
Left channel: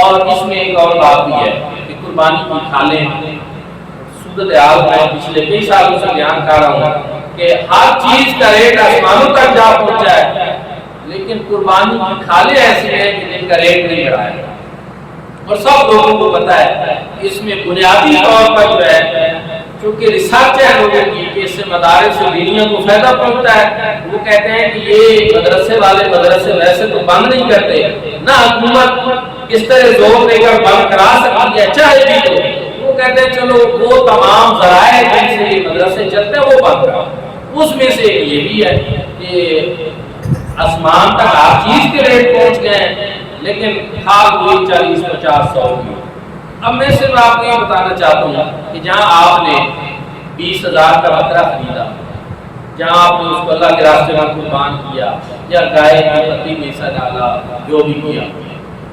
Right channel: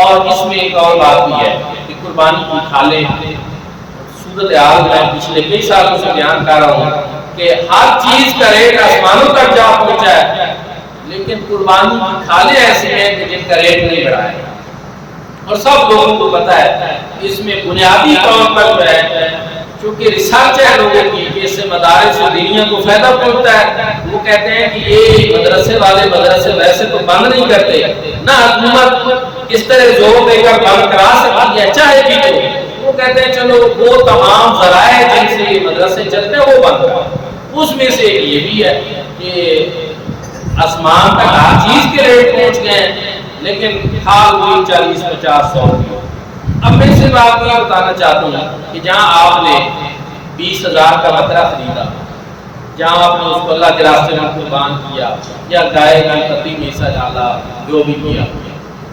اور اس میں ایک اور بات بھی ہے کہ قربانی کی کھالیں صورتحال میں پچھلے کئی سالوں سے بیان کر رہا ہوں کہ ہر چیز کا ریٹ آسمانوں تک جا پہنچا ہے، لیکن قربانی کی کھالیں ایسی ہیں کہ جن کا ریٹ نہیں بڑھایا ہے، اور سب لوگوں کو پتا ہے۔ اس میں بنیادی طور پر جو ہے چونکہ ریسرچ ہے لوگوں کی کہ اس سے مدارس سے دنیا کو فائدہ پہنچتا ہے، وہ کہتے ہیں کہ یہ مدرسے والے مدرسے ویسے تو بند نہیں کرتے، نہ حکومت اس طرح زور دے کر بند کرا سکتی ہے چاہے بھی تو، وہ کہتے ہیں چلو وہ تمام ذرائع جن سے یہ مدرسے چلتے ہیں وہ بند کرو۔ اس میں سے یہ بھی ہے کہ آسمان تک ہر چیز کے ریٹ پہنچ گئے ہیں، لیکن کھال ہوئی 40 50 100 کی۔ اب میں صرف آپ کو یہ بتانا چاہتا ہوں کہ جہاں آپ نے 20,000 کا بکرا خریدا، جہاں آپ نے اس کو اللہ کے راستے میں قربان کیا یا گائے کی پتی میں حصہ ڈالا، جو بھی کیا،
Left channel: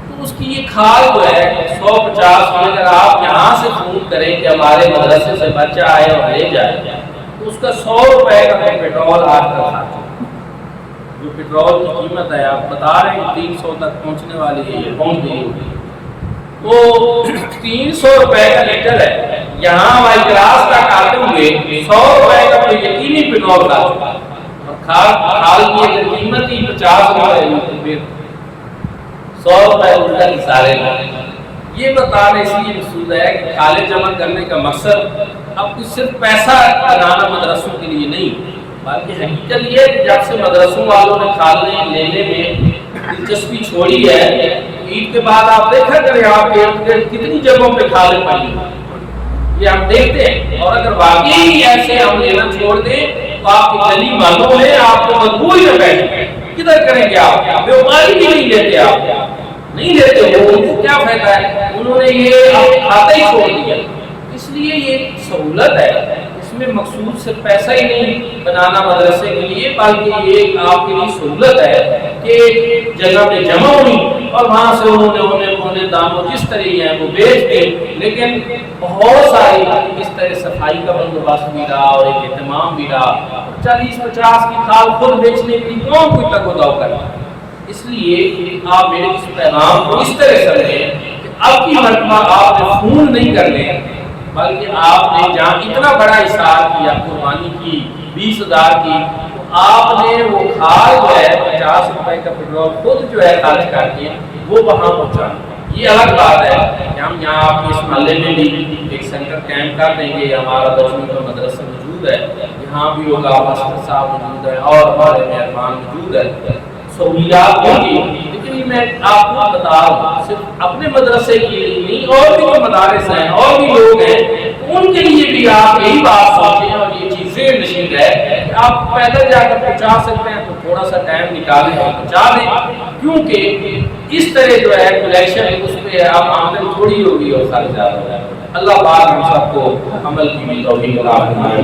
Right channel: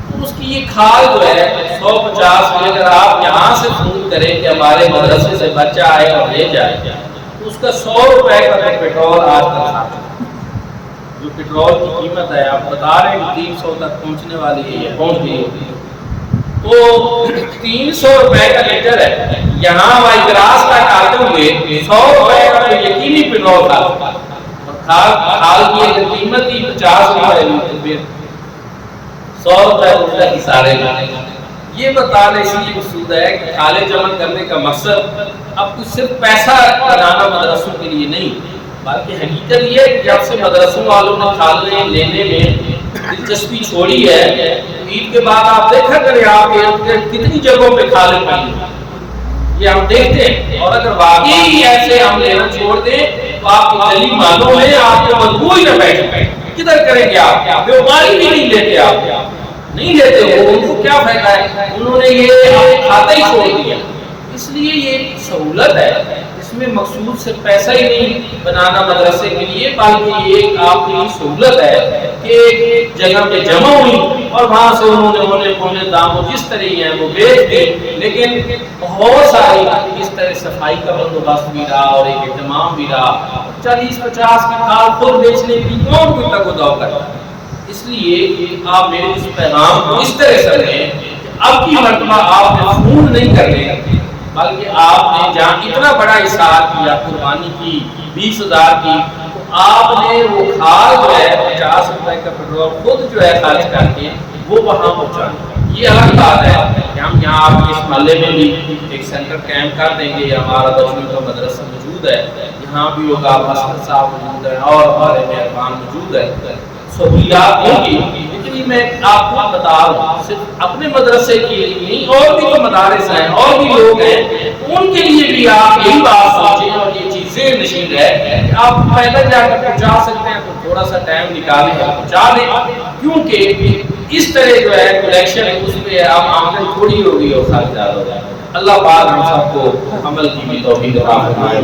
تو اس کی یہ کھال جو ہے 150 کی اگر آپ یہاں سے فون کریں کہ ہمارے مدرسے سے بچہ آئے اور لے جائے تو اس کا 100 روپے کا تو پیٹرول آج کل خرچ ہے۔ جو پیٹرول کی قیمت ہے آپ بتا رہے ہیں کہ 300 تک پہنچنے والی ہے، یہ پہنچ گئی ہوگی، تو 300 روپے کا لیٹر ہے، یہاں وائی گراس تک آتے ہوئے 100 روپے کا تو یقینی پیٹرول تھا، اور کھال کی اگر قیمت ہی 50 روپے ہوئی تو پھر 100 روپے الٹا کی سارے لوگ۔ یہ بتانا اس لیے مقصود ہے کہ کھالیں جمع کرنے کا مقصد اب کچھ صرف پیسہ بنانا مدرسوں کے لیے نہیں، بلکہ حقیقت یہ ہے کہ جب سے مدرسوں والوں نے کھالیں لینے میں دلچسپی چھوڑی ہے، عید کے بعد آپ دیکھا کریں آپ کے ارد گرد کتنی جگہوں پہ کھالیں پڑی ہیں، یہ ہم دیکھتے ہیں۔ اور اگر واقعی ایسے ہم لینا چھوڑ دیں تو آپ کی گلی محلوں میں آپ کو مجبور ہی نہ بیٹھے، کدھر کریں گے آپ؟ بیماری بھی نہیں لیتے، آپ نہیں لیتے ہو، ان کو کیا فائدہ ہے؟ انہوں نے یہ کھاتا ہی چھوڑ دیا۔ اس لیے یہ سہولت ہے، اس میں مقصود صرف پیسہ ہی نہیں بنانا مدرسے کے لیے، بلکہ یہ ایک آپ کے لیے سہولت ہے کہ ایک جگہ پہ جمع ہوئی اور وہاں سے انہوں نے ہونے پونے داموں جس طرح ہیں وہ بیچ دی، لیکن بہت ساری اس طرح صفائی کا بندوبست بھی رہا اور ایک اہتمام بھی رہا، 40 50 کی کھال خود بیچنے کے لیے کون کوئی تگ و دو کرتا ہے۔ اس لیے آپ میرے اس پیغام کو اس طرح سمجھیں کہ اب کی مرتبہ آپ نے فون نہیں کرنے، بلکہ آپ نے جہاں اتنا بڑا اثار کیا قربانی کی 20,000 کی، تو آپ نے وہ کھال جو ہے 50 روپے کا پیٹرول خود جو ہے خرچ کر کے وہ وہاں پہنچانا۔ یہ الگ بات ہے کہ ہم یہاں آپ کے اس محلے میں بھی ایک سینٹر کیمپ کر دیں گے، ہمارا بچوں کا مدرسہ موجود ہے، یہاں بھی ہوگا، ماسٹر صاحب موجود ہے اور ہمارے مہربان موجود ہے، سہولیات ہوں گی، لیکن لیکن یہ میں آپ کو بتا رہا ہوں صرف اپنے مدرسے کے لیے نہیں، اور بھی جو مدارس ہیں اور بھی لوگ ہیں ان کے لیے بھی آپ یہی بات سوچیں اور یہ چیزیں نشین ہے کہ آپ پیدل جا کر پہنچا سکتے ہیں تو تھوڑا سا ٹائم نکالیں اور پہنچا دیں، کیونکہ اس طرح جو ہے کلیکشن اس پہ اب آمدن تھوڑی ہوگی اور خرچ زیادہ ہو جائے گا۔ اللہ پاک ہم سب کو عمل کی بھی توفیق عطا فرمائے۔